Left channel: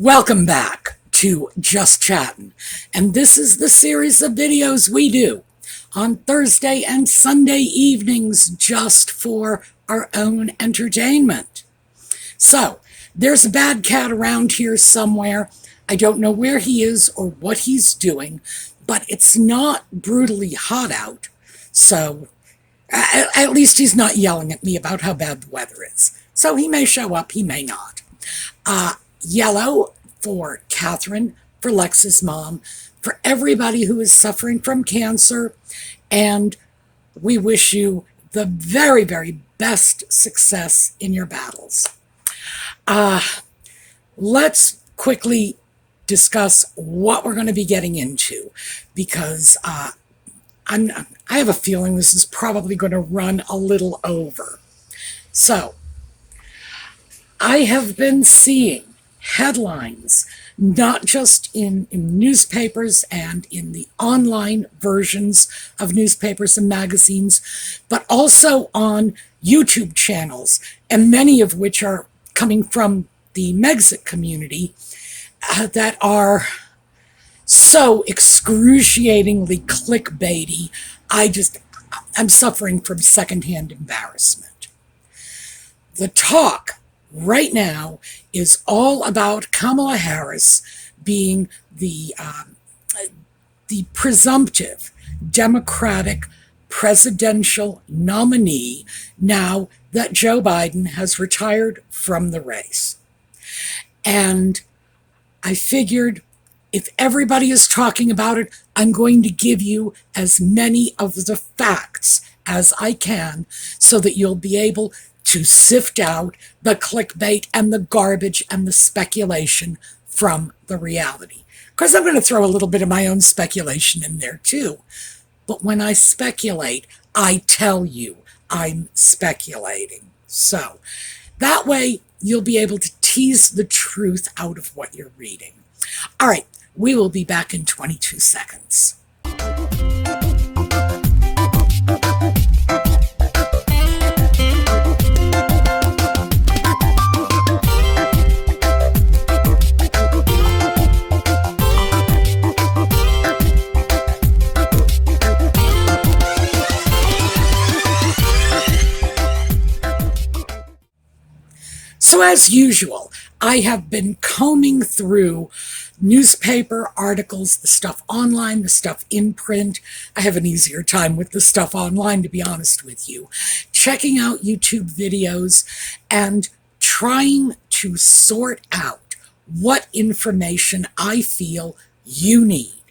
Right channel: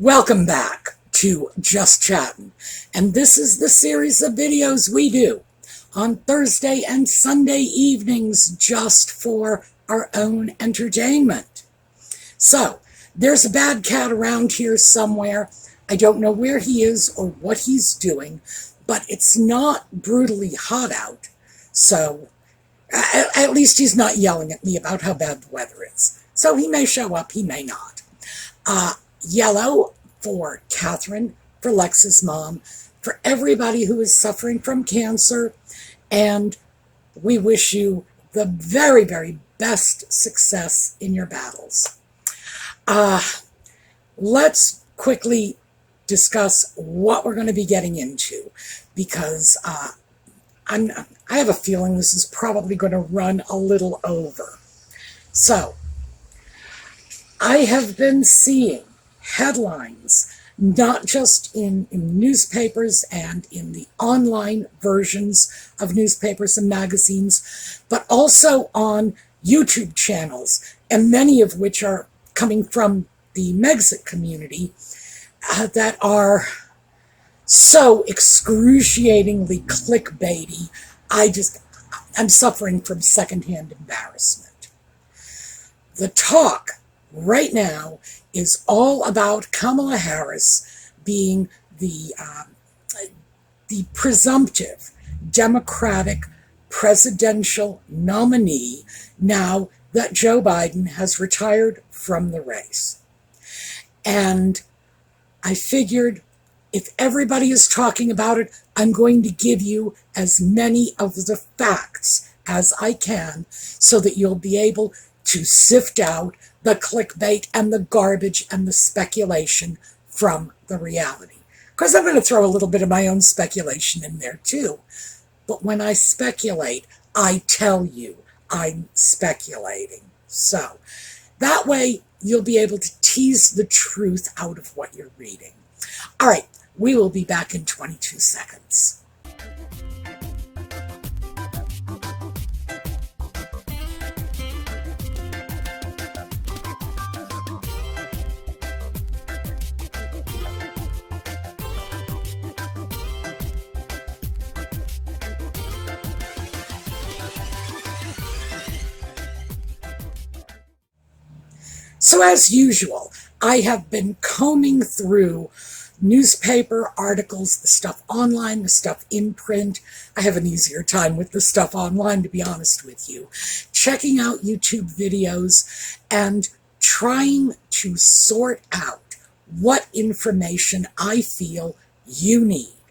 Welcome back to Just Chattin', and this is the series of videos we do on Thursday and Sunday evenings just for our own entertainment. So, there's a bad cat around here somewhere. I don't know where he is or what he's doing, but it's not brutally hot out, so at least he's not yelling at me about how bad the weather is. So he may show up, he may not. Yellow for Catherine, for Lex's mom, for everybody who is suffering from cancer, and we wish you the very, very best success in your battles. Let's quickly discuss what we're going to be getting into, because I have a feeling this is probably going to run a little over. So, I have been seeing headlines, not just in newspapers and in the online versions of newspapers and magazines, but also on YouTube channels, and many of which are coming from the Megxit community, that are so excruciatingly clickbaity. I'm suffering from secondhand embarrassment. The talk right now is all about Kamala Harris being the presumptive Democratic presidential nominee now that Joe Biden has retired from the race. And I figured if everybody is talking about it, I'm going to give you as many of the facts as I can so that you'll be able to sift out the clickbait and the garbage and the speculation from the reality. Of course, I'm going to throw a little bit of my own speculation in there too. But when I speculate, I tell you I'm speculating. So that way you'll be able to tease the truth out of what you're reading. All right, we will be back in 22 seconds. So as usual, I have been combing through newspaper articles, the stuff online, the stuff in print. I have an easier time with the stuff online, to be honest with you. Checking out YouTube videos and trying to sort out what information I feel you need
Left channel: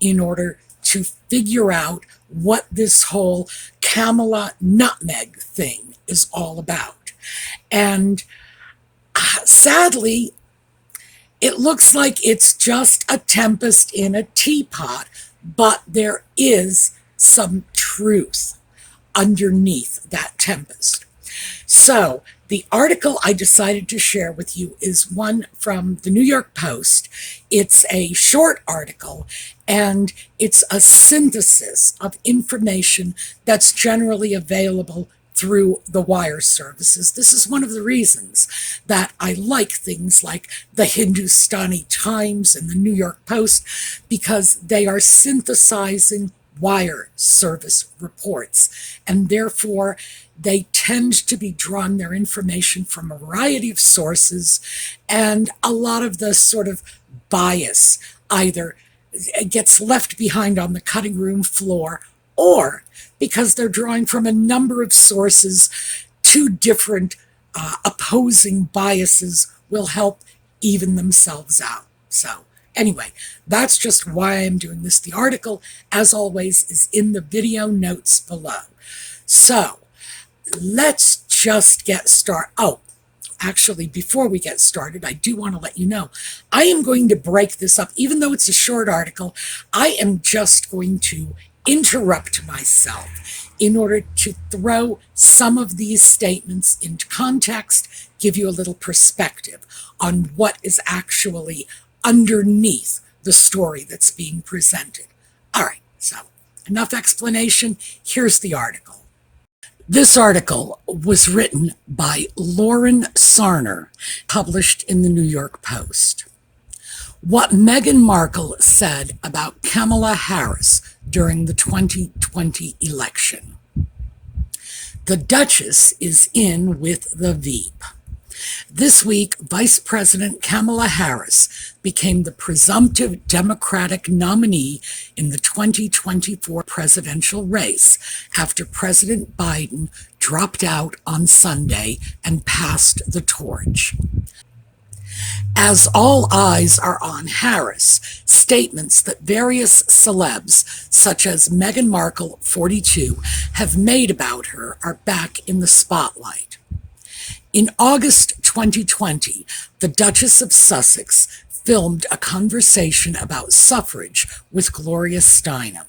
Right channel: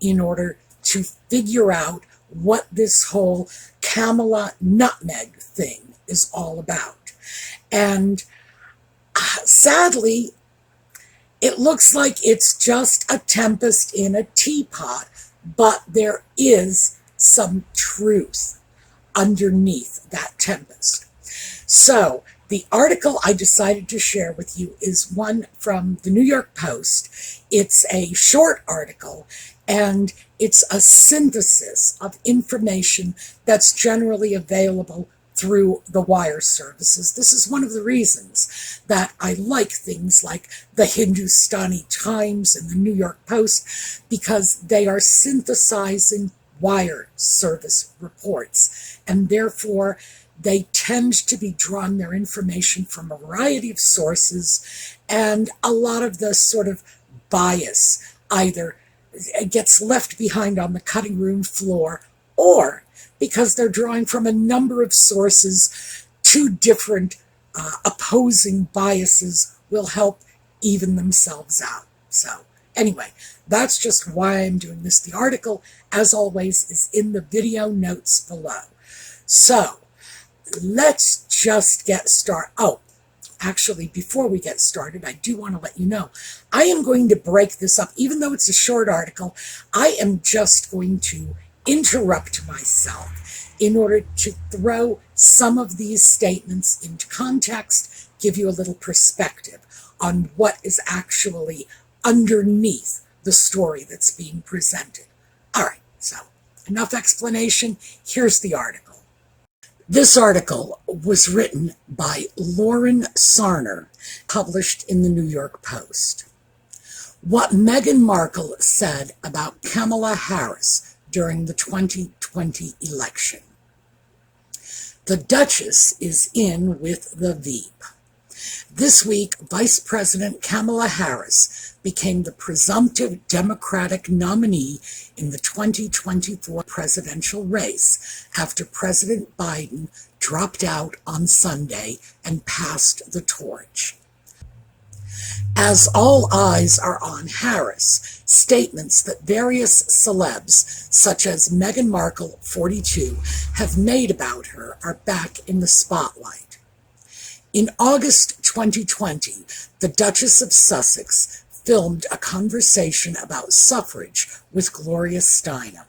in order to figure out what this whole Kamala nutmeg thing is all about. And sadly, it looks like it's just a tempest in a teapot, but there is some truth underneath that tempest. So the article I decided to share with you is one from the New York Post. It's a short article, and it's a synthesis of information that's generally available through the wire services. This is one of the reasons that I like things like the Hindustani Times and the New York Post, because they are synthesizing wire service reports, and therefore they tend to be drawn their information from a variety of sources, and a lot of the sort of bias either gets left behind on the cutting room floor, or because they're drawing from a number of sources, two different opposing biases will help even themselves out. So anyway, that's just why I'm doing this. The article, as always, is in the video notes below. So let's just get started. Oh, actually, before we get started, I do want to let you know, I am going to break this up. Even though it's a short article, I am just going to interrupt myself in order to throw some of these statements into context, give you a little perspective on what is actually underneath the story that's being presented. All right, so enough explanation. Here's the article. This article was written by Lauren Sarner, published in the New York Post. what Meghan Markle said about Kamala Harris during the 2020 election. The Duchess is in with the Veep. This week, Vice President Kamala Harris became the presumptive Democratic nominee in the 2024 presidential race after President Biden dropped out on Sunday and passed the torch. As all eyes are on Harris, statements that various celebs, such as Meghan Markle, 42, have made about her are back in the spotlight. In August 2020, the Duchess of Sussex filmed a conversation about suffrage with Gloria Steinem.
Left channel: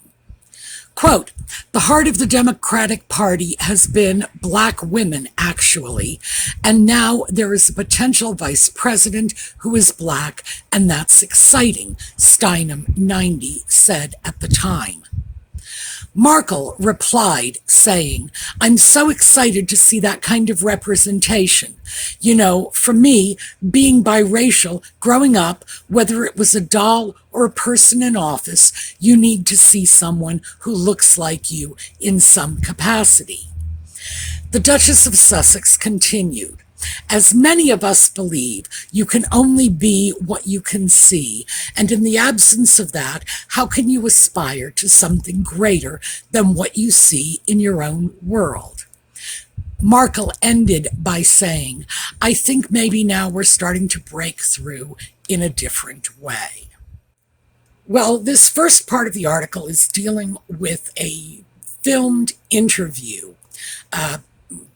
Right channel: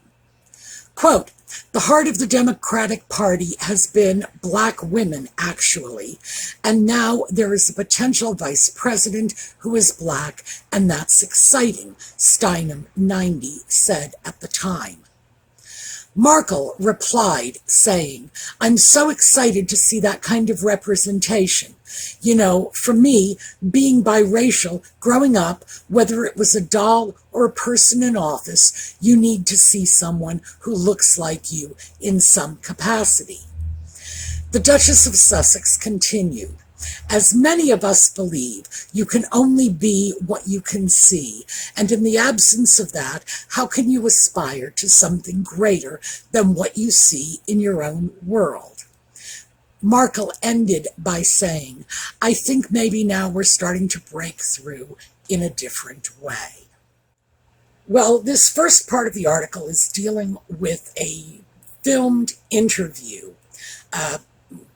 Quote, "The heart of the Democratic Party has been Black women, actually, and now there is a potential vice president who is Black, and that's exciting," Steinem, 90, said at the time. Markle replied, saying, "I'm so excited to see that kind of representation. You know, for me, being biracial, growing up, whether it was a doll or a person in office, you need to see someone who looks like you in some capacity." The Duchess of Sussex continued, "As many of us believe, you can only be what you can see, and in the absence of that, how can you aspire to something greater than what you see in your own world?" Markle ended by saying, "I think maybe now we're starting to break through in a different way." Well, this first part of the article is dealing with a filmed interview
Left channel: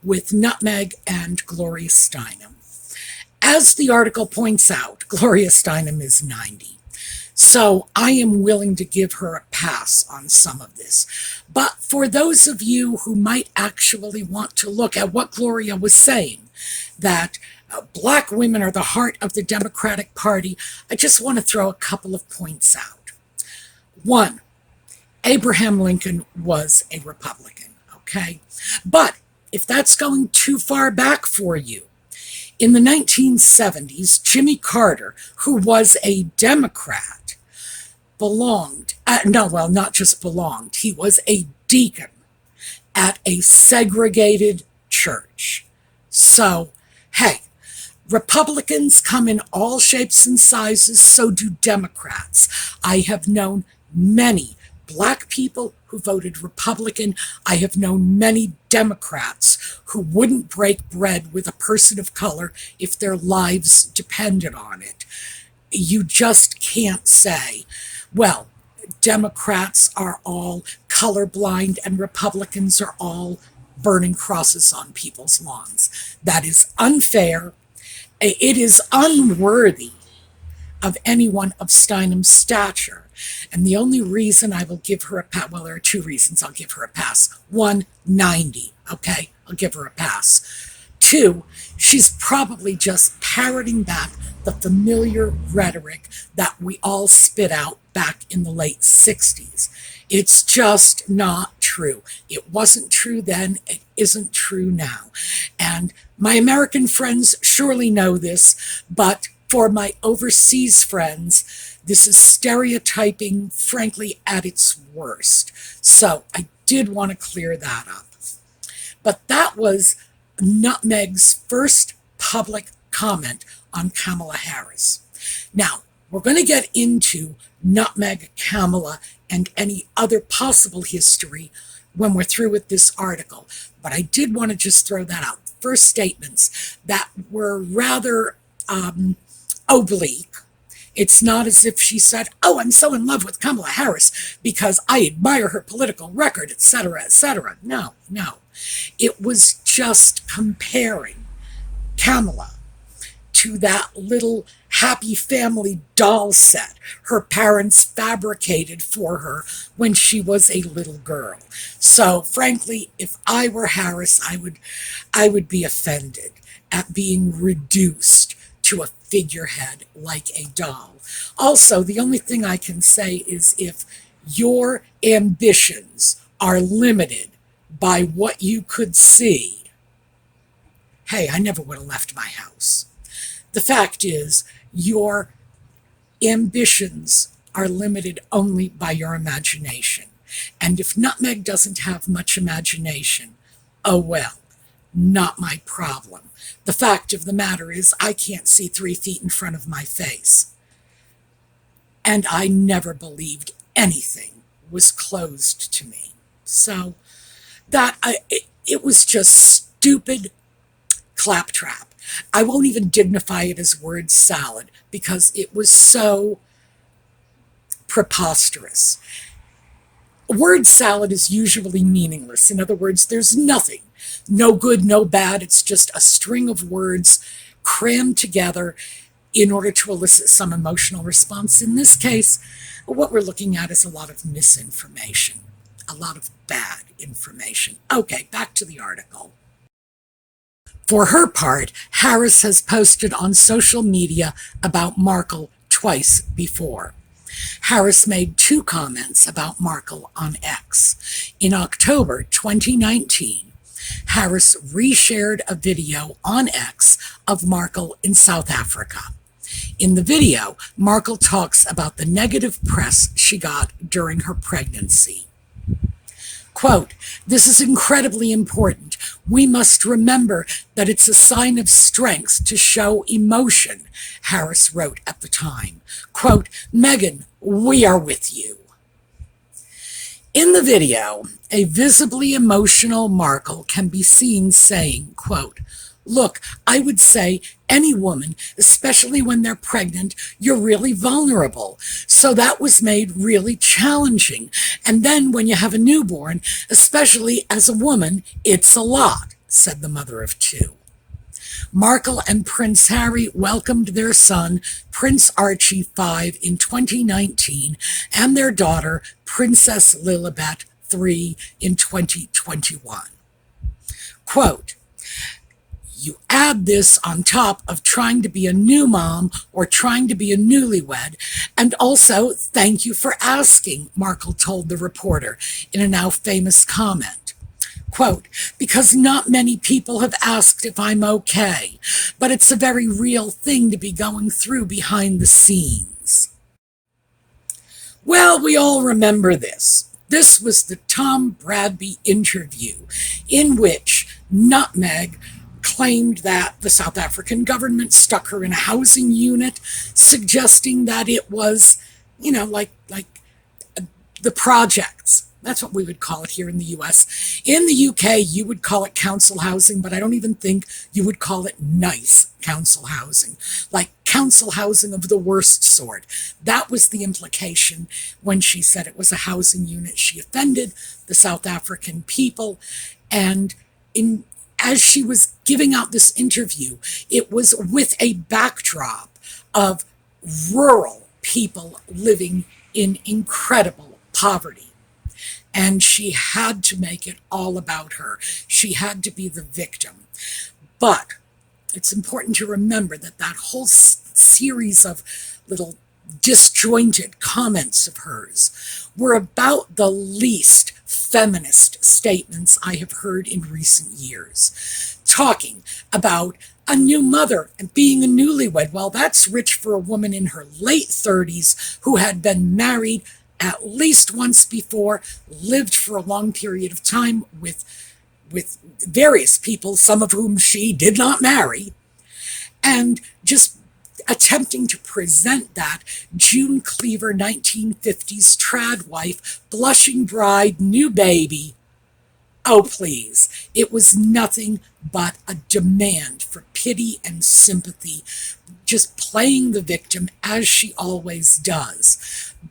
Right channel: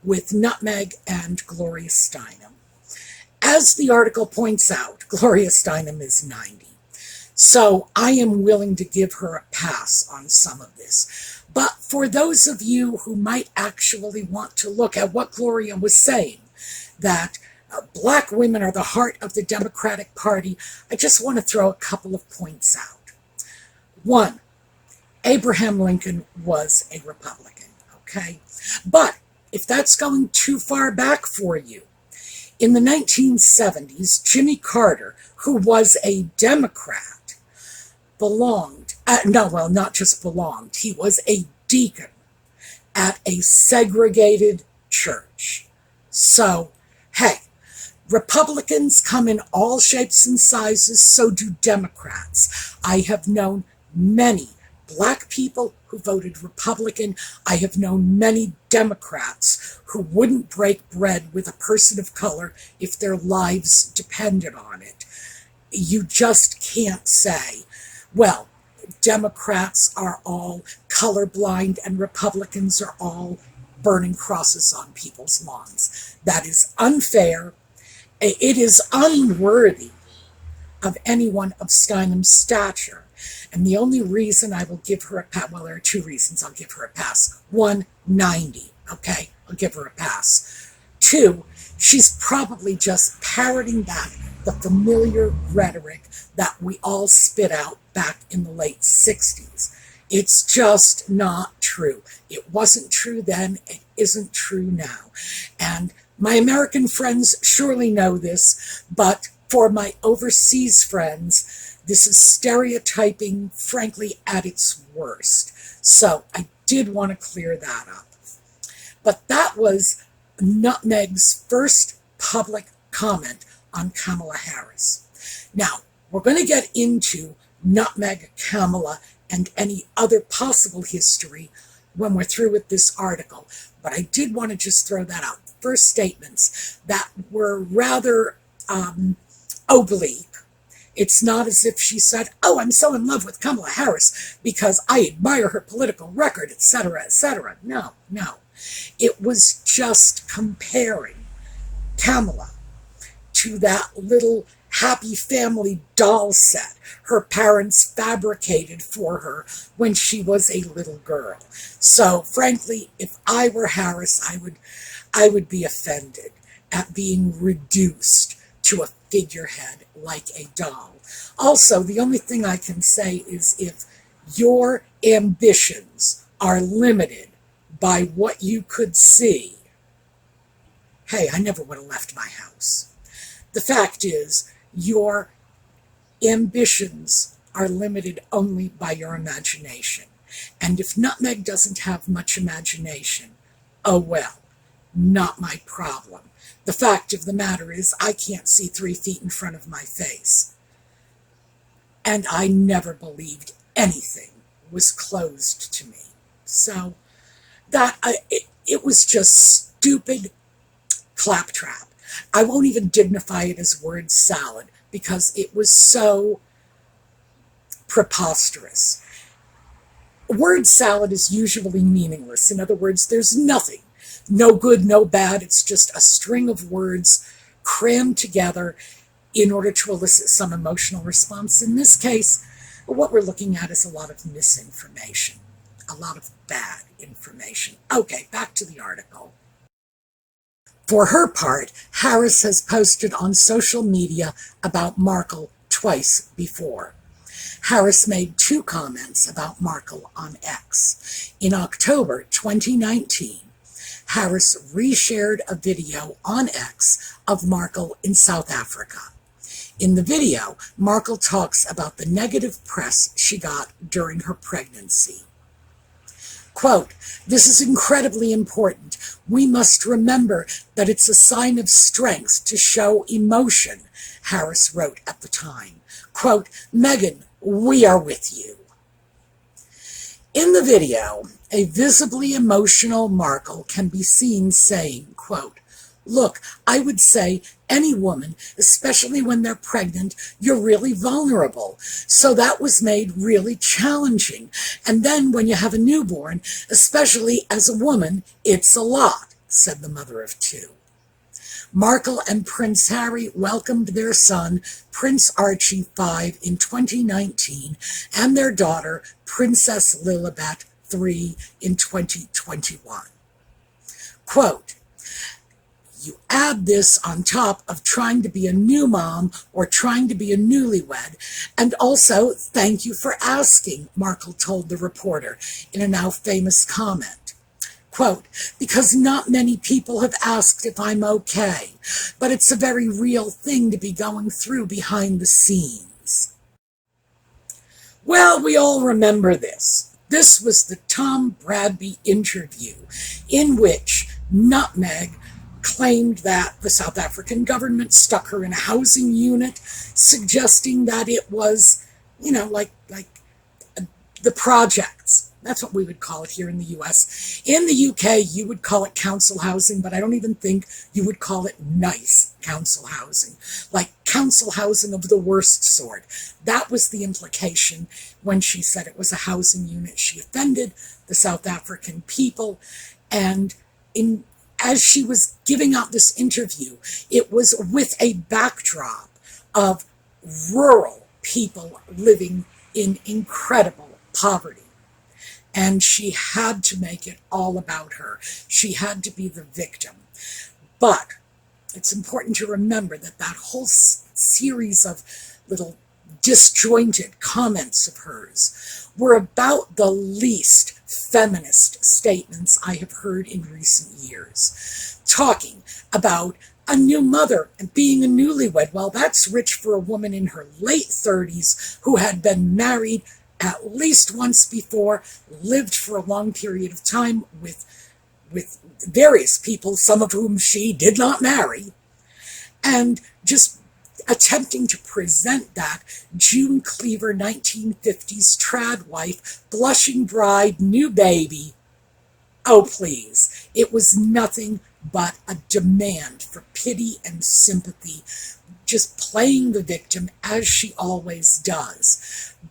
with Nutmeg and Gloria Steinem. As the article points out, Gloria Steinem is 90. So I am willing to give her a pass on some of this. But for those of you who might actually want to look at what Gloria was saying, that Black women are the heart of the Democratic Party, I just want to throw a couple of points out. One, Abraham Lincoln was a Republican, okay? But if that's going too far back for you, in the 1970s, Jimmy Carter, who was a Democrat, not just belonged, he was a deacon at a segregated church. So, hey, Republicans come in all shapes and sizes, so do Democrats. I have known many Black people who voted Republican. I have known many Democrats who wouldn't break bread with a person of color if their lives depended on it. You just can't say, well, Democrats are all colorblind and Republicans are all burning crosses on people's lawns. That is unfair. It is unworthy of anyone of Steinem's stature. And the only reason I will give her a pass, well, there are two reasons I'll give her a pass. One, 90, okay? I'll give her a pass. Two, she's probably just parroting back the familiar rhetoric that we all spit out back in the late 60s. It's just not true. It wasn't true then. It isn't true now. And my American friends surely know this, but for my overseas friends, this is stereotyping, frankly, at its worst. So I did want to clear that up. But that was Nutmeg's first public comment on Kamala Harris. Now, we're going to get into Nutmeg, Kamala, and any other possible history when we're through with this article. But I did want to just throw that out. First statements that were rather oblique. It's not as if she said, "Oh, I'm so in love with Kamala Harris because I admire her political record, etc., etc." No. It was just comparing Kamala to that little happy family doll set her parents fabricated for her when she was a little girl. So, frankly, if I were Harris, I would be offended at being reduced to a figurehead like a doll. Also, the only thing I can say is if your ambitions are limited by what you could see, hey, I never would have left my house. The fact is, your Ambitions are limited only by your imagination. And if Nutmeg doesn't have much imagination, oh well, not my problem. The fact of the matter is, I can't see 3 feet in front of my face. And I never believed anything was closed to me. So it was just stupid claptrap. I won't even dignify it as word salad because it was so preposterous. Word salad is usually meaningless. In other words, there's nothing, no good, no bad. It's just a string of words crammed together in order to elicit some emotional response. In this case, what we're looking at is a lot of misinformation, a lot of bad information. Okay, back to the article. For her part, Harris has posted on social media about Markle twice before. Harris made 2 comments about Markle on X. In October 2019, Harris reshared a video on X of Markle in South Africa. In the video, Markle talks about the negative press she got during her pregnancy. Quote, "This is incredibly important. We must remember that it's a sign of strength to show emotion," Harris wrote at the time. Quote, "Meghan, we are with you." In the video, a visibly emotional Markle can be seen saying, quote, "Look, I would say any woman, especially when they're pregnant, you're really vulnerable. So that was made really challenging. And then when you have a newborn, especially as a woman, it's a lot," said the mother of 2. Markle and Prince Harry welcomed their son, Prince Archie 5, in 2019, and their daughter, Princess Lilibet 3, in 2021. Quote, "You add this on top of trying to be a new mom or trying to be a newlywed, and also thank you for asking," Markle told the reporter in a now famous comment. Quote, "Because not many people have asked if I'm okay, but it's a very real thing to be going through behind the scenes." Well, we all remember this. This was the Tom Bradby interview in which Nutmeg claimed that the South African government stuck her in a housing unit, suggesting that it was, like the projects. That's what we would call it here in the US. In the UK, you would call it council housing, but I don't even think you would call it nice council housing, like council housing of the worst sort. That was the implication when she said it was a housing unit. She offended the South African people, and as she was giving out this interview, it was with a backdrop of rural people living in incredible poverty. And she had to make it all about her. She had to be the victim. But it's important to remember that that whole series of little disjointed comments of hers were about the least feminist statements I have heard in recent years. Talking about a new mother and being a newlywed. Well, that's rich for a woman in her late 30s who had been married at least once before, lived for a long period of time with various people, some of whom she did not marry, and just attempting to present that June Cleaver 1950s trad wife, blushing bride, new baby. Oh, please. It was nothing but a demand for pity and sympathy, just playing the victim as she always does.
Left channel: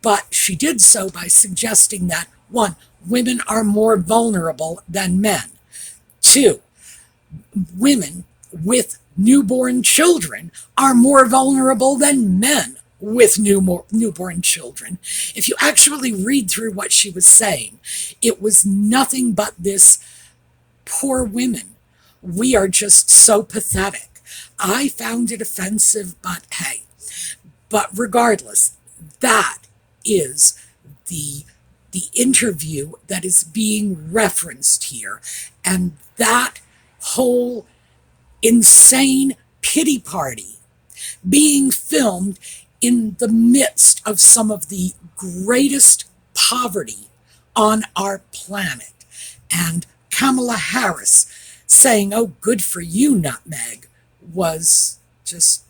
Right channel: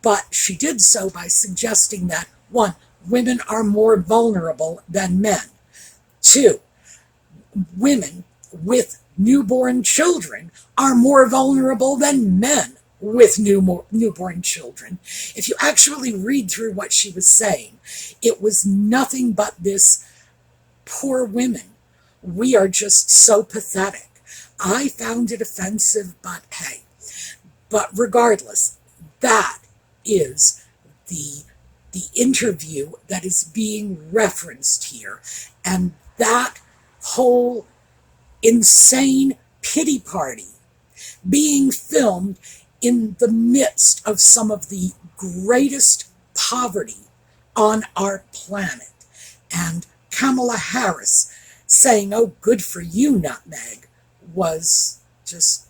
But she did so by suggesting that, 1, women are more vulnerable than men. 2, women with newborn children are more vulnerable than men with newborn children. If you actually read through what she was saying, it was nothing but this: poor women, we are just so pathetic. I found it offensive, but hey. But regardless, that is the interview that is being referenced here. And that whole insane pity party being filmed in the midst of some of the greatest poverty on our planet. And Kamala Harris saying, "Oh, good for you, Nutmeg," was just,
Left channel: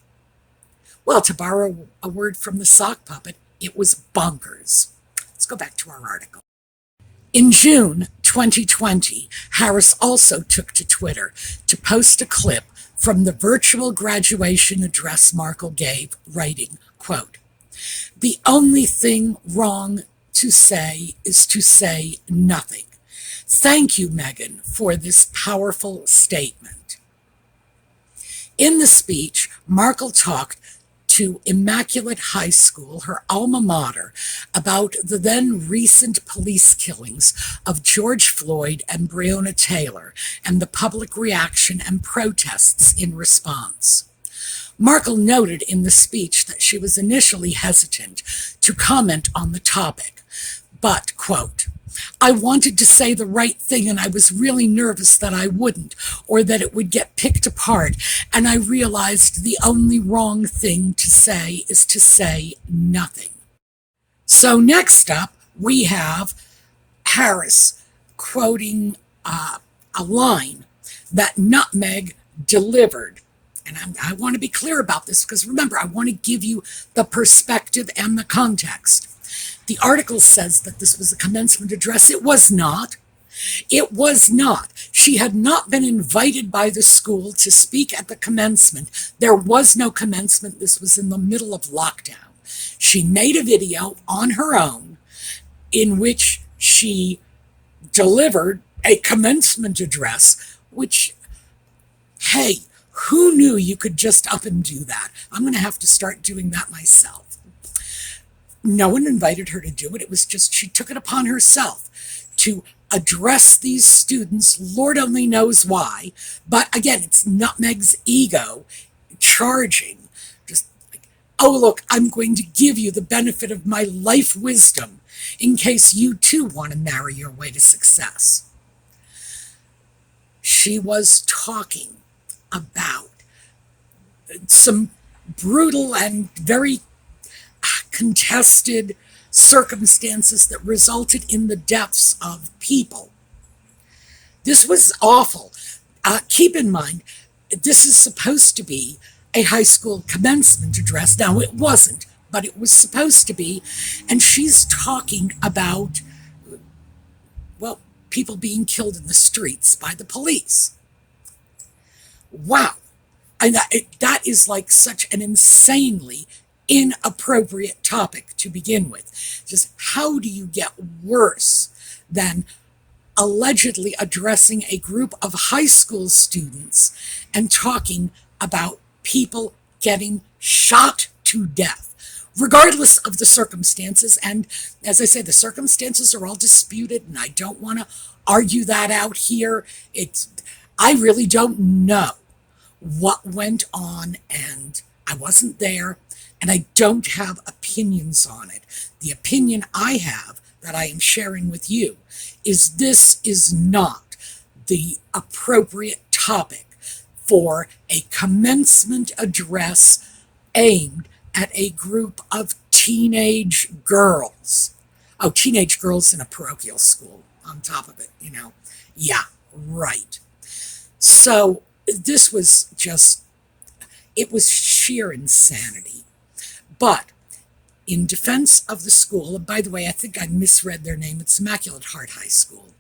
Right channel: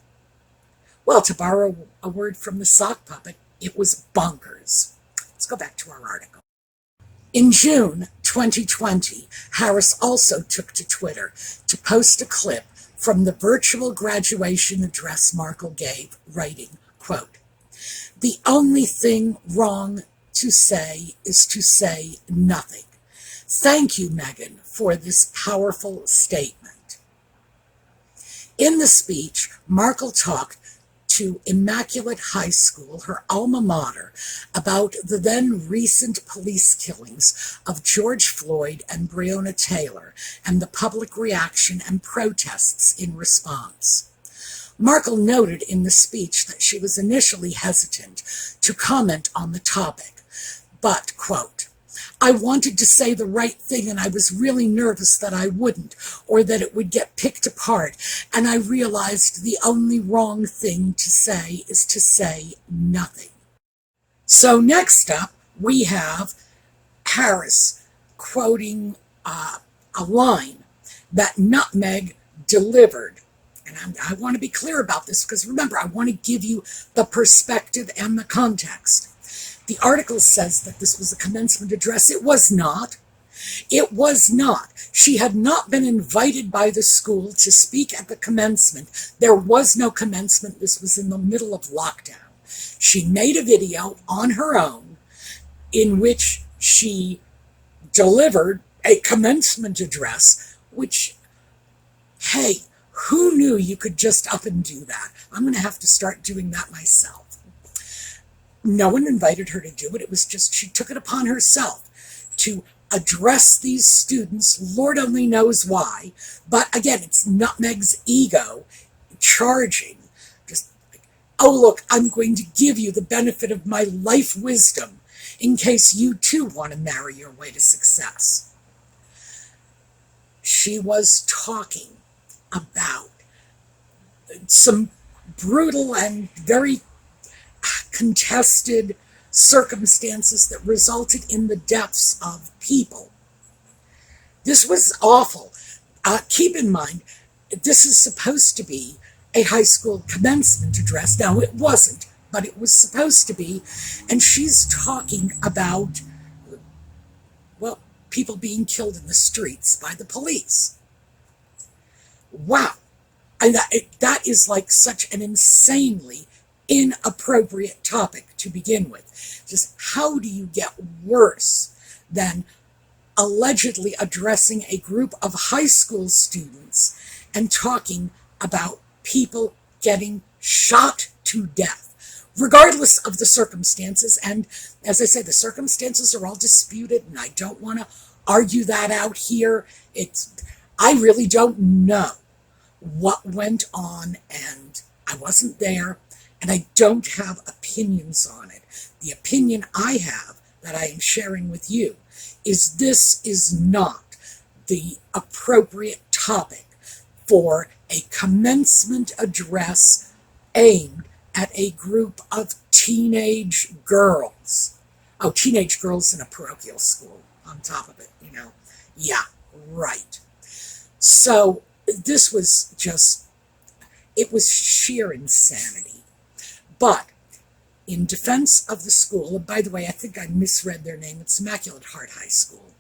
well, to borrow a word from the sock puppet, it was bonkers. Let's go back to our article. In June 2020, Harris also took to Twitter to post a clip from the virtual graduation address Markle gave, writing, quote, "The only thing wrong to say is to say nothing. Thank you, Meghan, for this powerful statement." In the speech, Markle talked to Immaculate High School, her alma mater, about the then recent police killings of George Floyd and Breonna Taylor and the public reaction and protests in response. Markle noted in the speech that she was initially hesitant to comment on the topic, but, quote, "I wanted to say the right thing and I was really nervous that I wouldn't, or that it would get picked apart, and I realized the only wrong thing to say is to say nothing." So next up, we have Harris quoting a line that Nutmeg delivered. And I want to be clear about this because, remember, I want to give you the perspective and the context. The article says that this was a commencement address. It was not. It was not. She had not been invited by the school to speak at the commencement. There was no commencement. This was in the middle of lockdown. She made a video on her own in which she delivered a commencement address, which, hey, who knew you could just up and do that? I'm going to have to start doing that myself. No one invited her to do it. It was just she took it upon herself to address these students. Lord only knows why. But again, it's Nutmeg's ego charging. Just like, "Oh, look, I'm going to give you the benefit of my life wisdom in case you too want to marry your way to success." She was talking about some brutal and very contested circumstances that resulted in the deaths of people. This was awful. Keep in mind, this is supposed to be a high school commencement address. Now, it wasn't, but it was supposed to be. And she's talking about, well, people being killed in the streets by the police. Wow. And that is like such an insanely inappropriate topic to begin with. Just how do you get worse than allegedly addressing a group of high school students and talking about people getting shot to death, regardless of the circumstances? And as I say, the circumstances are all disputed, and I don't want to argue that out here. I really don't know what went on, and I wasn't there, and I don't have opinions on it. The opinion I have that I am sharing with you is this is not the appropriate topic for a commencement address aimed at a group of teenage girls. Oh, teenage girls in a parochial school on top of it, you know. Yeah, right. So this was just, it was sheer insanity. But in defense of the school, and by the way, I think I misread their name, it's Immaculate Heart High School.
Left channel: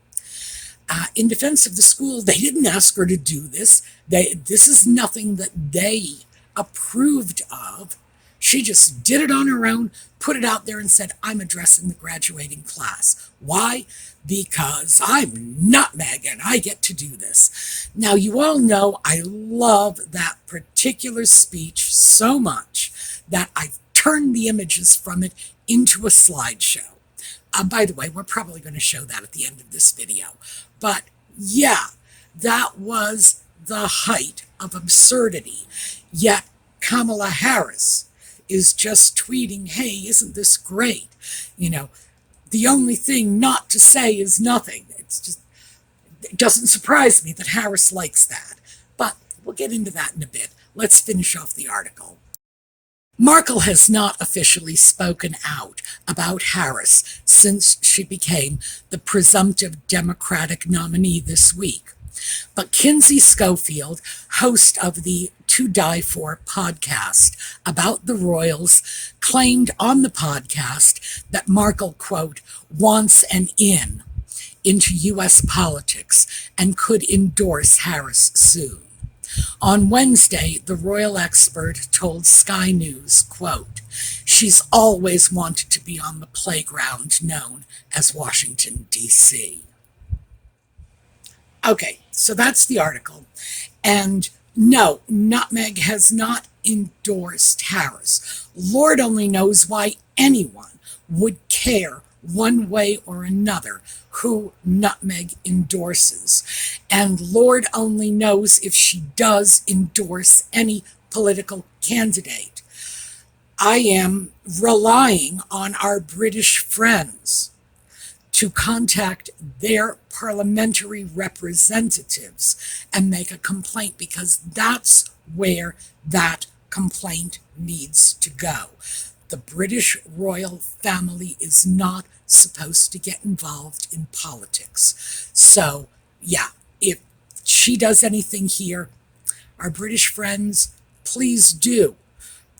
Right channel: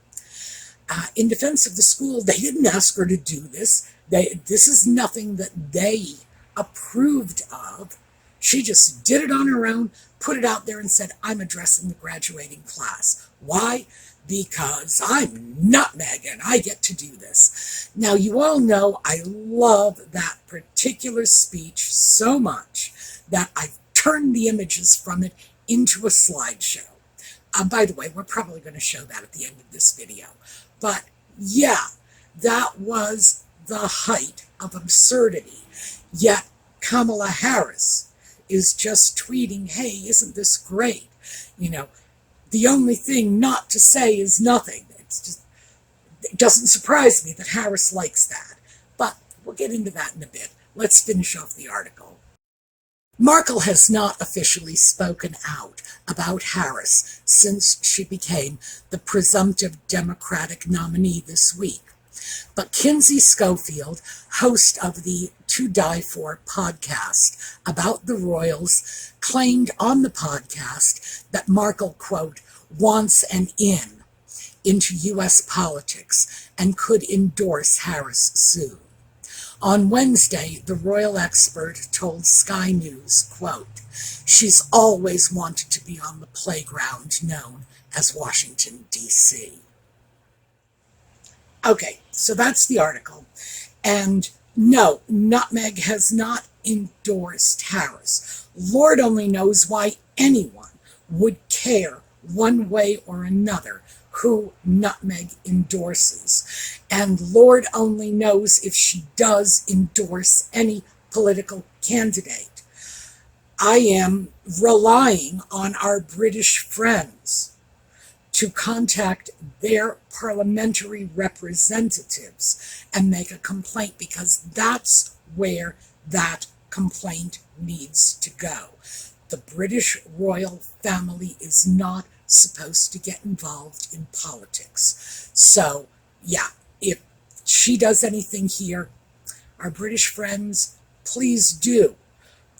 In defense of the school, they didn't ask her to do this. This is nothing that they approved of. She just did it on her own, put it out there and said, "I'm addressing the graduating class." Why? Because I'm Nutmeg and I get to do this. Now, you all know I love that particular speech so much that I've turned the images from it into a slideshow. By the way, we're probably going to show that at the end of this video. But yeah, that was the height of absurdity. Yet Kamala Harris is just tweeting, "Hey, isn't this great? You know, the only thing not to say is nothing." It doesn't surprise me that Harris likes that. But we'll get into that in a bit. Let's finish off the article. Markle has not officially spoken out about Harris since she became the presumptive Democratic nominee this week. But Kinsey Schofield, host of the To Die For podcast about the royals, claimed on the podcast that Markle, quote, wants an in into U.S. politics and could endorse Harris soon. On Wednesday, the royal expert told Sky News, quote, she's always wanted to be on the playground known as Washington, D.C. Okay, so that's the article. And no, Nutmeg has not endorsed Harris. Lord only knows why anyone would care one way or another who Nutmeg endorses. And Lord only knows if she does endorse any political candidate. I am relying on our British friends to contact their parliamentary representatives and make a complaint, because that's where that complaint needs to go. The British royal family is not supposed to get involved in politics. So, yeah, if she does anything here, our British friends, please do.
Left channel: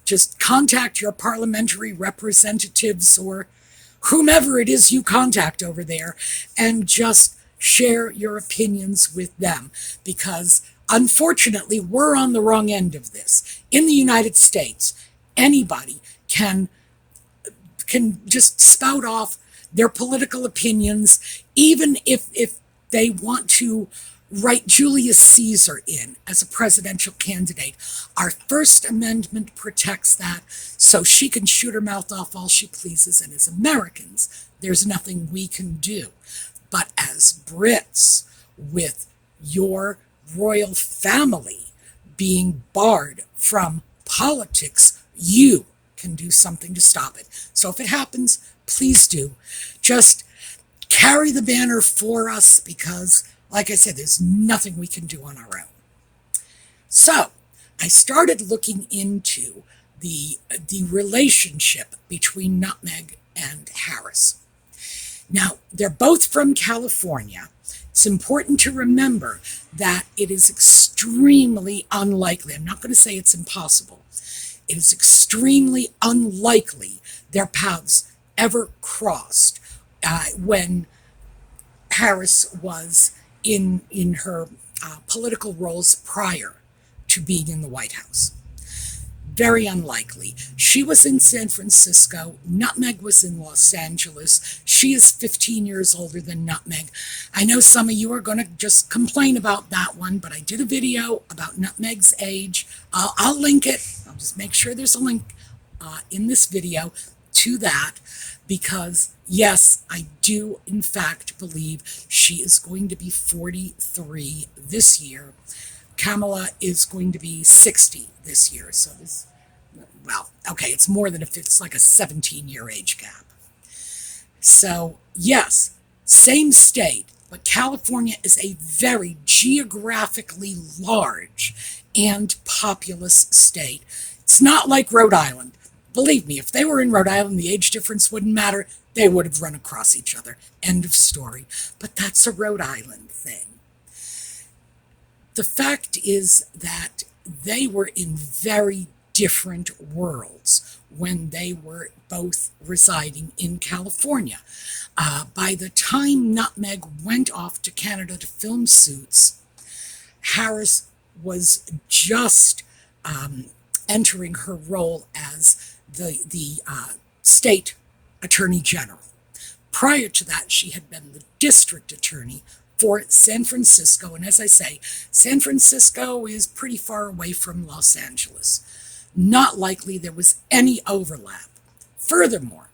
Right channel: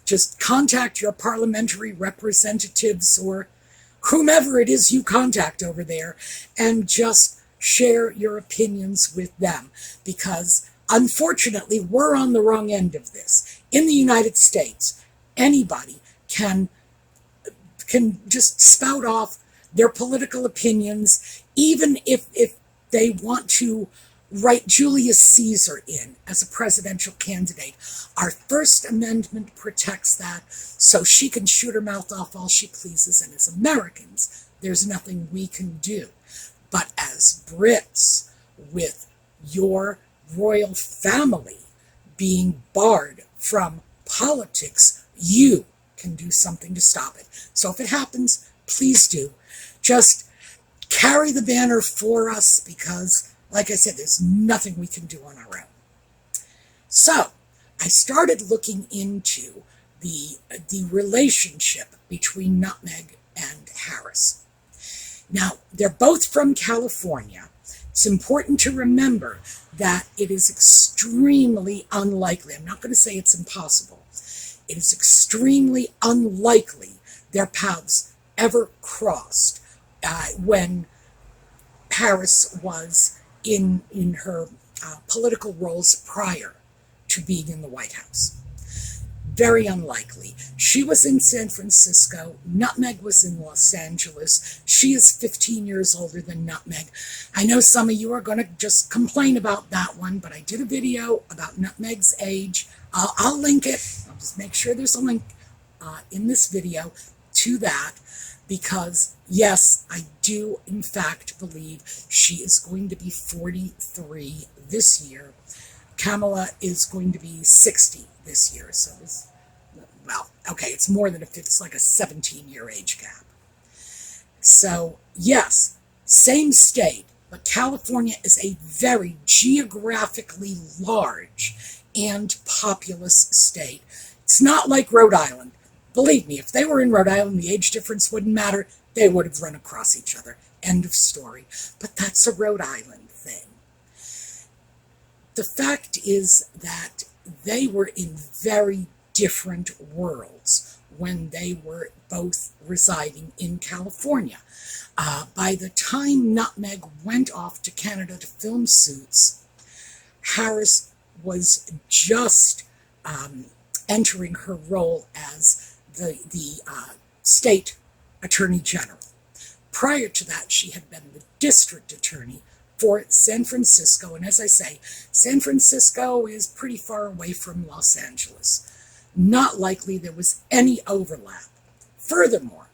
Just contact your parliamentary representatives or whomever it is you contact over there and just share your opinions with them, because unfortunately we're on the wrong end of this. In the United States, anybody can just spout off their political opinions, even if they want to write Julius Caesar in as a presidential candidate. Our First Amendment protects that, so she can shoot her mouth off all she pleases, and as Americans, there's nothing we can do. But as Brits, with your royal family being barred from politics, you can do something to stop it. So if it happens, please do. Just carry the banner for us, because like I said, there's nothing we can do on our own. So I started looking into the relationship between Nutmeg and Harris. Now, they're both from California. It's important to remember that it is extremely unlikely. I'm not going to say it's impossible. It is extremely unlikely their paths ever crossed when Harris was in her political roles prior to being in the White House. Very unlikely. She was in San Francisco. Nutmeg was in Los Angeles. She is 15 years older than Nutmeg. I know some of you are going to just complain about that one, but I did a video about Nutmeg's age. I'll link it. I'll just make sure there's a link in this video to that, because yes, I do in fact believe she is going to be 43 this year. Kamala is going to be 60 this year. So this, well, okay, it's more than it's like a 17-year age gap. So yes, same state, but California is a very geographically large and populous state. It's not like Rhode Island. Believe me, if they were in Rhode Island, the age difference wouldn't matter. They would have run across each other. End of story. But that's a Rhode Island thing. The fact is that they were in very different worlds when they were both residing in California. By the time Nutmeg went off to Canada to film Suits, Harris was just entering her role as the state attorney general. Prior to that, she had been the district attorney for San Francisco. And as I say, San Francisco is pretty far away from Los Angeles. Not likely there was any overlap. Furthermore,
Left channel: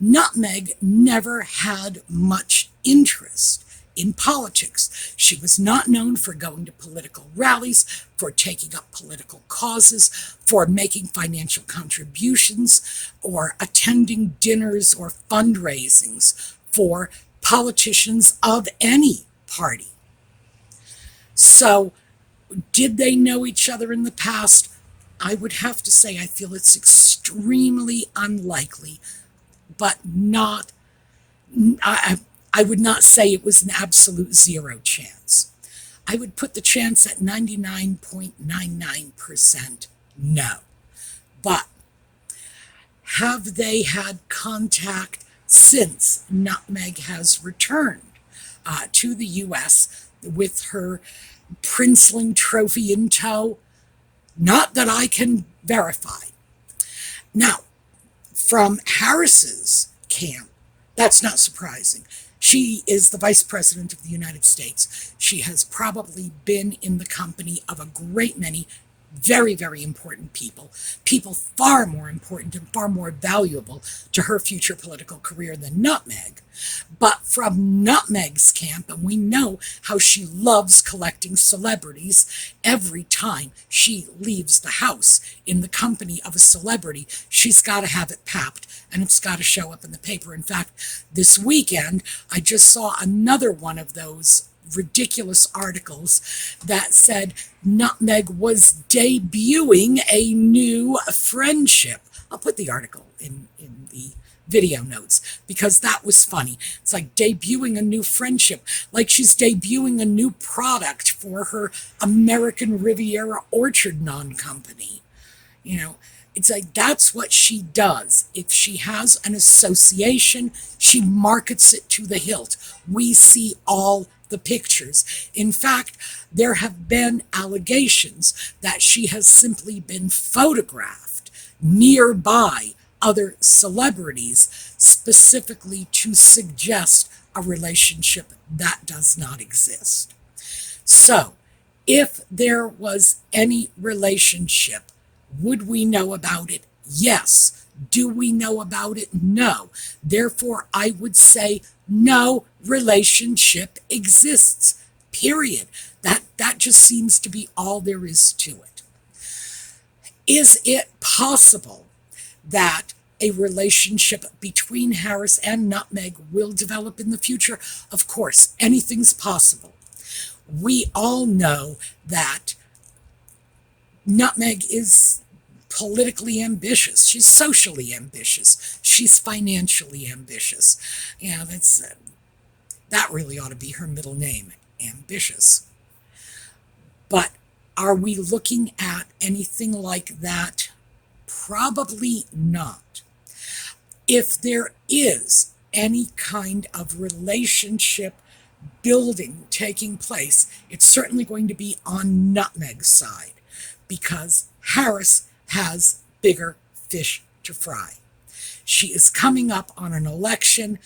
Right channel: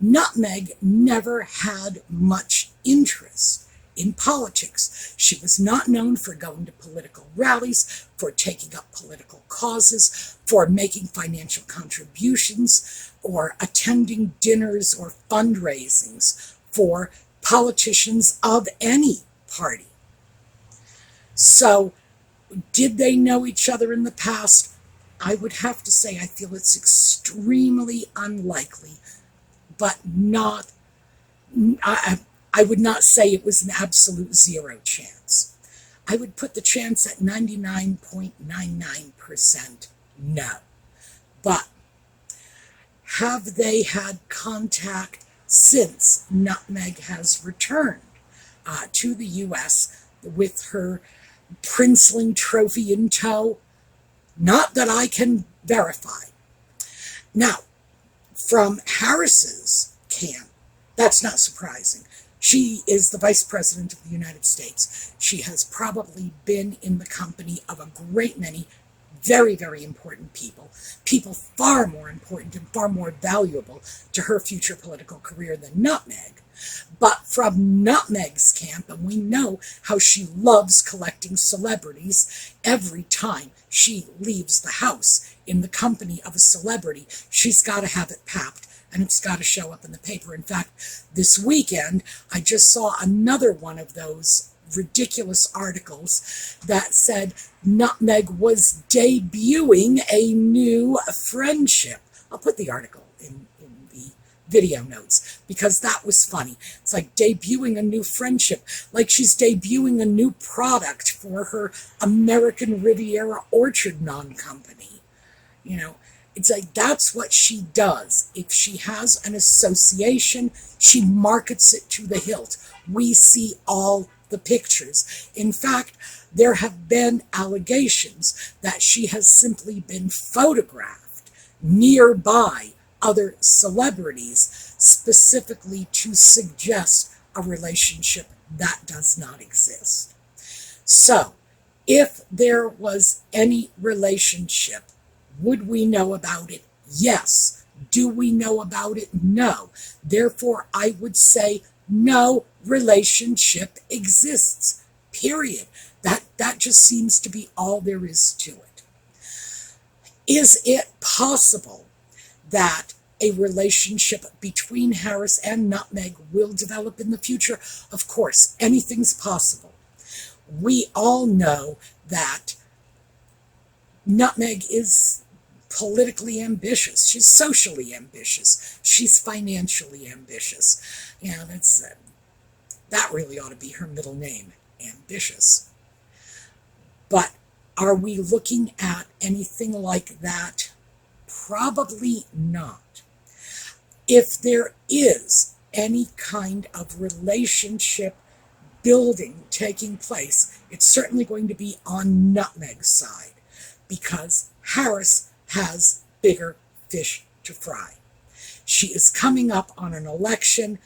Nutmeg never had much interest in politics. She was not known for going to political rallies, for taking up political causes, for making financial contributions, or attending dinners or fundraisings for politicians of any party. So, did they know each other in the past? I would have to say I feel it's extremely unlikely, but not, I would not say it was an absolute zero chance. I would put the chance at 99.99% no. But have they had contact since Nutmeg has returned to the U.S. with her Princeling trophy in tow? Not that I can verify. Now, from Harris's camp, that's not surprising. She is the Vice President of the United States. She has probably been in the company of a great many very, very important people, people far more important and far more valuable to her future political career than Nutmeg. But from Nutmeg's camp, and we know how she loves collecting celebrities, every time she leaves the house in the company of a celebrity, she's got to have it papped and it's got to show up in the paper. In fact, this weekend, I just saw another one of those ridiculous articles that said Nutmeg was debuting a new friendship. I'll put the article in the video notes because that was funny. It's like debuting a new friendship, like she's debuting a new product for her American Riviera Orchard non-company. You know, it's like that's what she does. If she has an association, she markets it to the hilt. We see all the pictures. In fact, there have been allegations that she has simply been photographed nearby other celebrities specifically to suggest a relationship that does not exist. So, if there was any relationship, would we know about it? Yes. Do we know about it? No. Therefore, I would say no relationship exists, period. That just seems to be all there is to it. Is it possible that a relationship between Harris and Nutmeg will develop in the future? Of course, anything's possible. We all know that Nutmeg is politically ambitious. She's socially ambitious. She's financially ambitious. Yeah, that really ought to be her middle name, ambitious. But are we looking at anything like that? Probably not. If there is any kind of relationship building taking place, it's certainly going to be on Nutmeg's side because Harris has bigger fish to fry. She is coming up on an election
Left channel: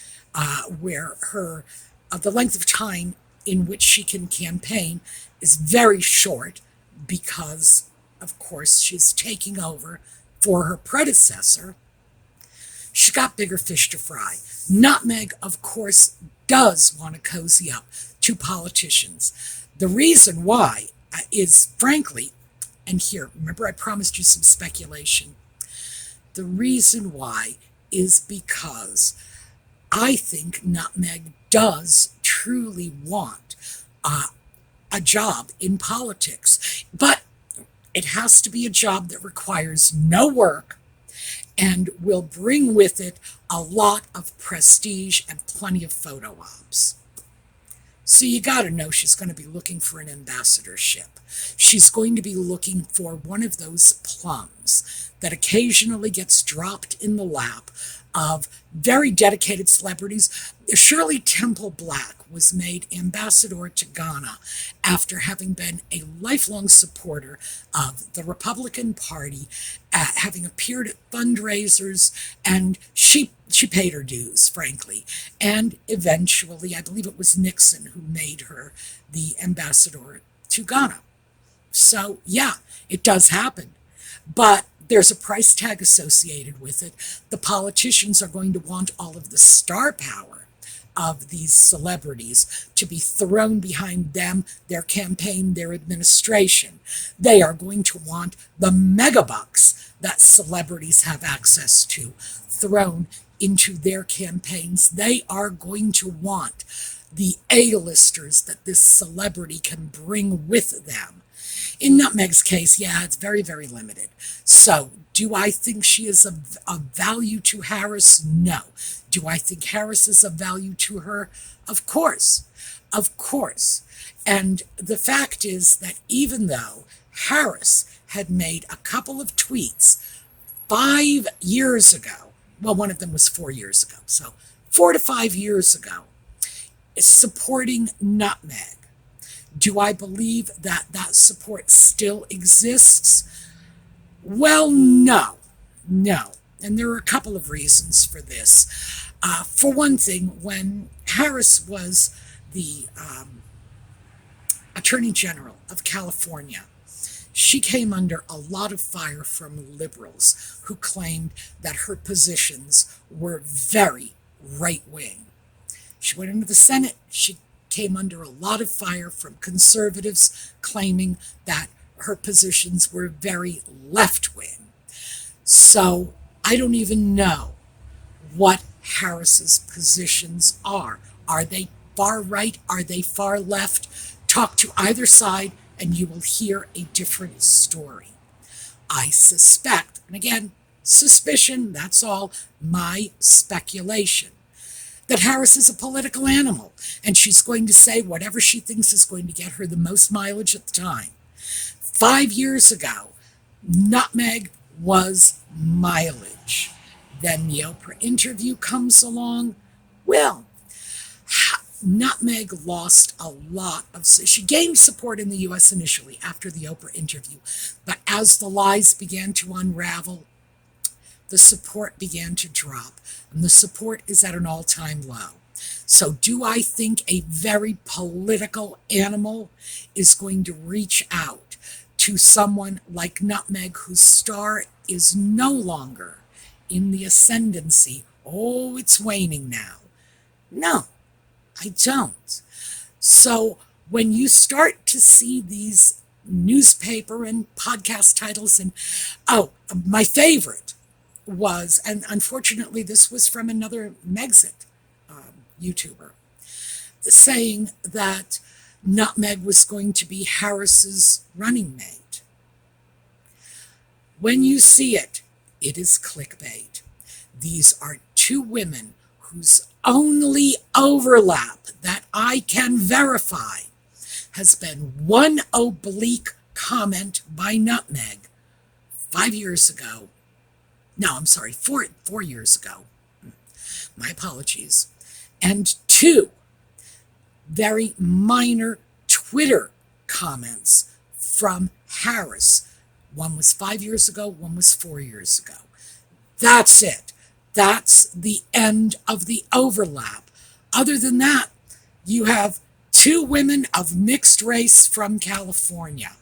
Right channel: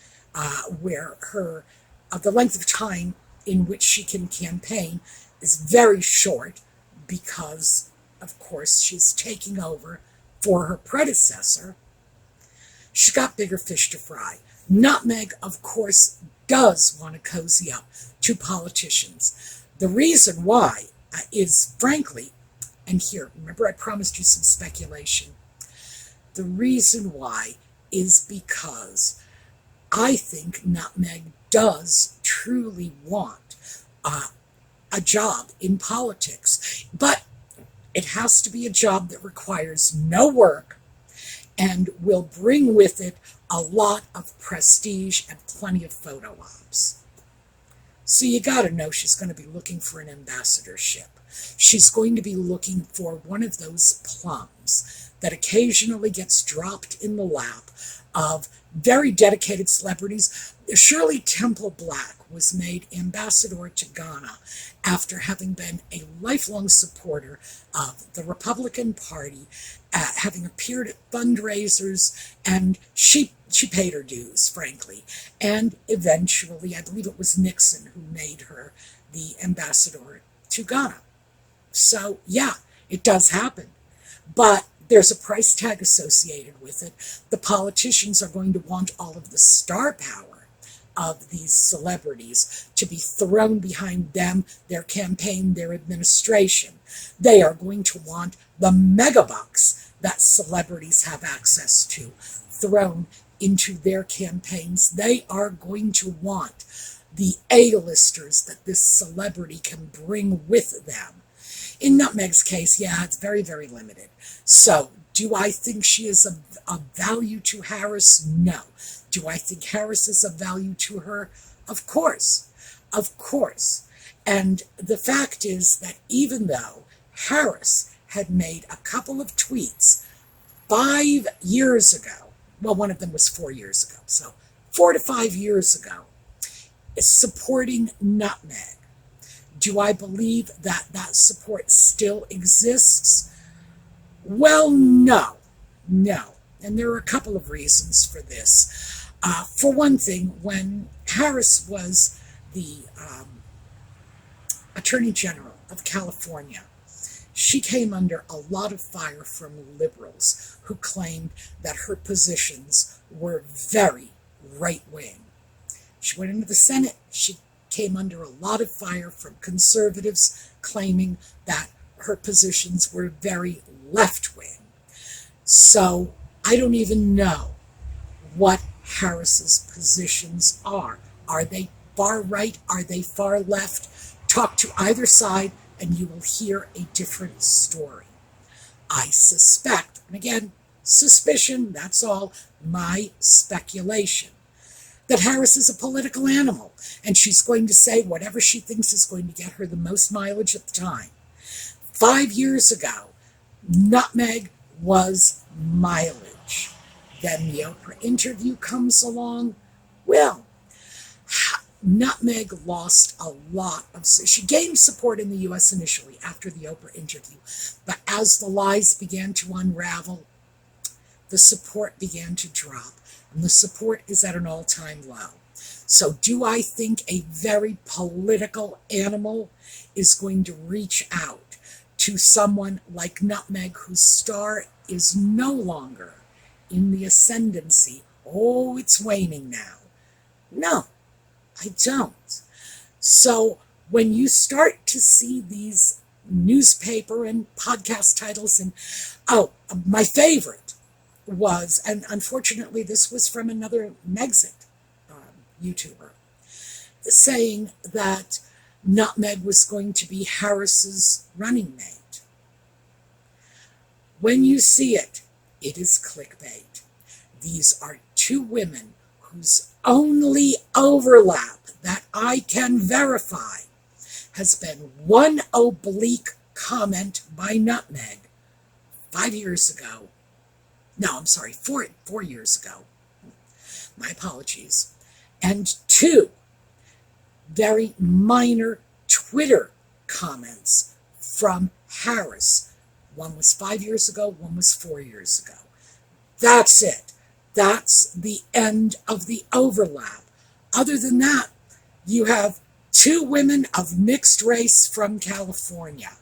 where the length of time in which she can campaign is very short because, of course, she's taking over for her predecessor. She's got bigger fish to fry. Nutmeg, of course, does want to cozy up to politicians. The reason why is, frankly, and here, remember I promised you some speculation. The reason why is because I think Nutmeg does truly want a job in politics. But it has to be a job that requires no work and will bring with it a lot of prestige and plenty of photo ops. So you got to know she's going to be looking for an ambassadorship. She's going to be looking for one of those plums that occasionally gets dropped in the lap of very dedicated celebrities. Shirley Temple Black was made ambassador to Ghana after having been a lifelong supporter of the Republican Party, having appeared at fundraisers, and she paid her dues, frankly. And eventually, I believe it was Nixon who made her the ambassador to Ghana. So, yeah, it does happen. But there's a price tag associated with it. The politicians are going to want all of the star power of these celebrities to be thrown behind them, their campaign, their administration. They are going to want the megabucks that celebrities have access to thrown into their campaigns. They are going to want the A-listers that this celebrity can bring with them. In Nutmeg's case, yeah, it's very, very limited. So, do I think she is of value to Harris? No. Do I think Harris is of value to her? Of course. Of course. And the fact is that even though Harris had made a couple of tweets 5 years ago, well, one of them was 4 years ago, so 4 to 5 years ago, supporting Nutmeg, do I believe that that support still exists? Well, no, no. And there are a couple of reasons for this. For one thing, when Harris was the Attorney General of California, she came under a lot of fire from liberals who claimed that her positions were very right wing. She went into the Senate. She came under a lot of fire from conservatives claiming that her positions were very left wing. So I don't even know what Harris's positions are. Are they far right? Are they far left? Talk to either side and you will hear a different story. I suspect, and again, suspicion, that's all, my speculation, that Harris is a political animal and she's going to say whatever she thinks is going to get her the most mileage at the time. 5 years ago, Nutmeg was mileage. Then the Oprah interview comes along. Well, Nutmeg lost a lot of, she gained support in the U.S. initially after the Oprah interview, but as the lies began to unravel, the support began to drop, and the support is at an all-time low. So do I think a very political animal is going to reach out to someone like Nutmeg, whose star is no longer in the ascendancy? Oh, it's waning now. No, I don't. So when you start to see these newspaper and podcast titles, and oh, my favorite was, and unfortunately this was from another Megxit YouTuber, saying that Nutmeg was going to be Harris's running mate. When you see it, it is clickbait. These are two women whose only overlap that I can verify has been one oblique comment by Nutmeg 5 years ago. No, I'm sorry, 4 years ago. My apologies. And two very minor Twitter comments from Harris. One was 5 years ago, one was 4 years ago. That's it. That's the end of the overlap. Other than that, you have two women of mixed race from California.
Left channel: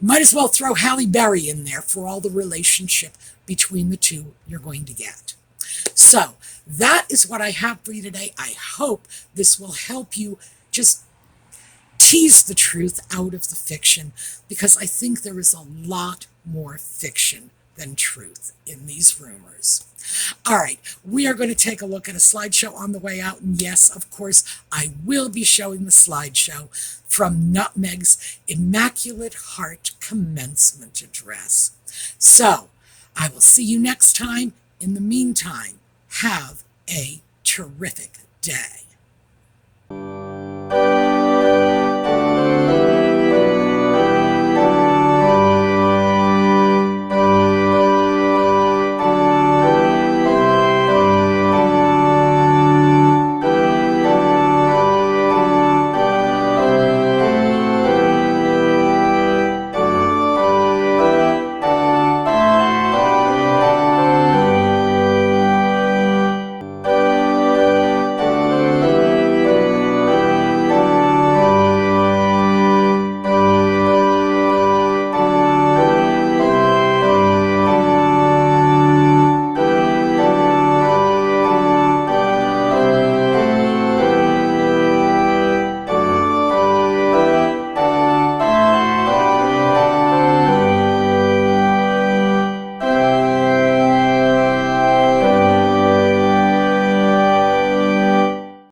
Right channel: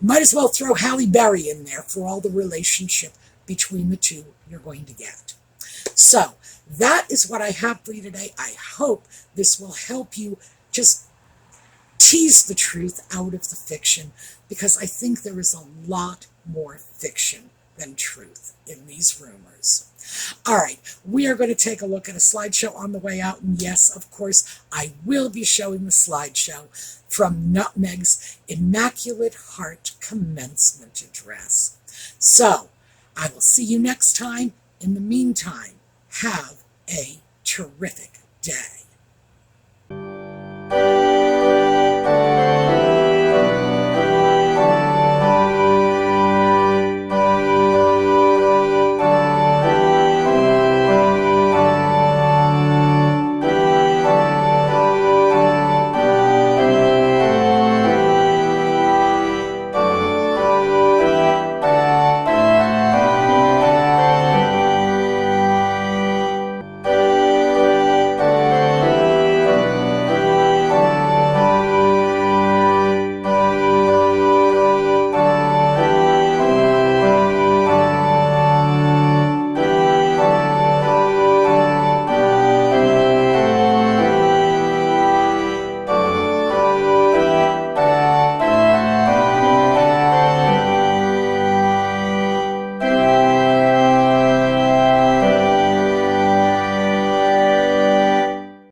You might as well throw Halle Berry in there for all the relationship between the two you're going to get. So that is what I have for you today. I hope this will help you just tease the truth out of the fiction, because I think there is a lot more fiction than truth in these rumors. All right, we are going to take a look at a slideshow on the way out. And yes, of course, I will be showing the slideshow from Nutmeg's Immaculate Heart commencement address. So I will see you next time. In the meantime, have a terrific day.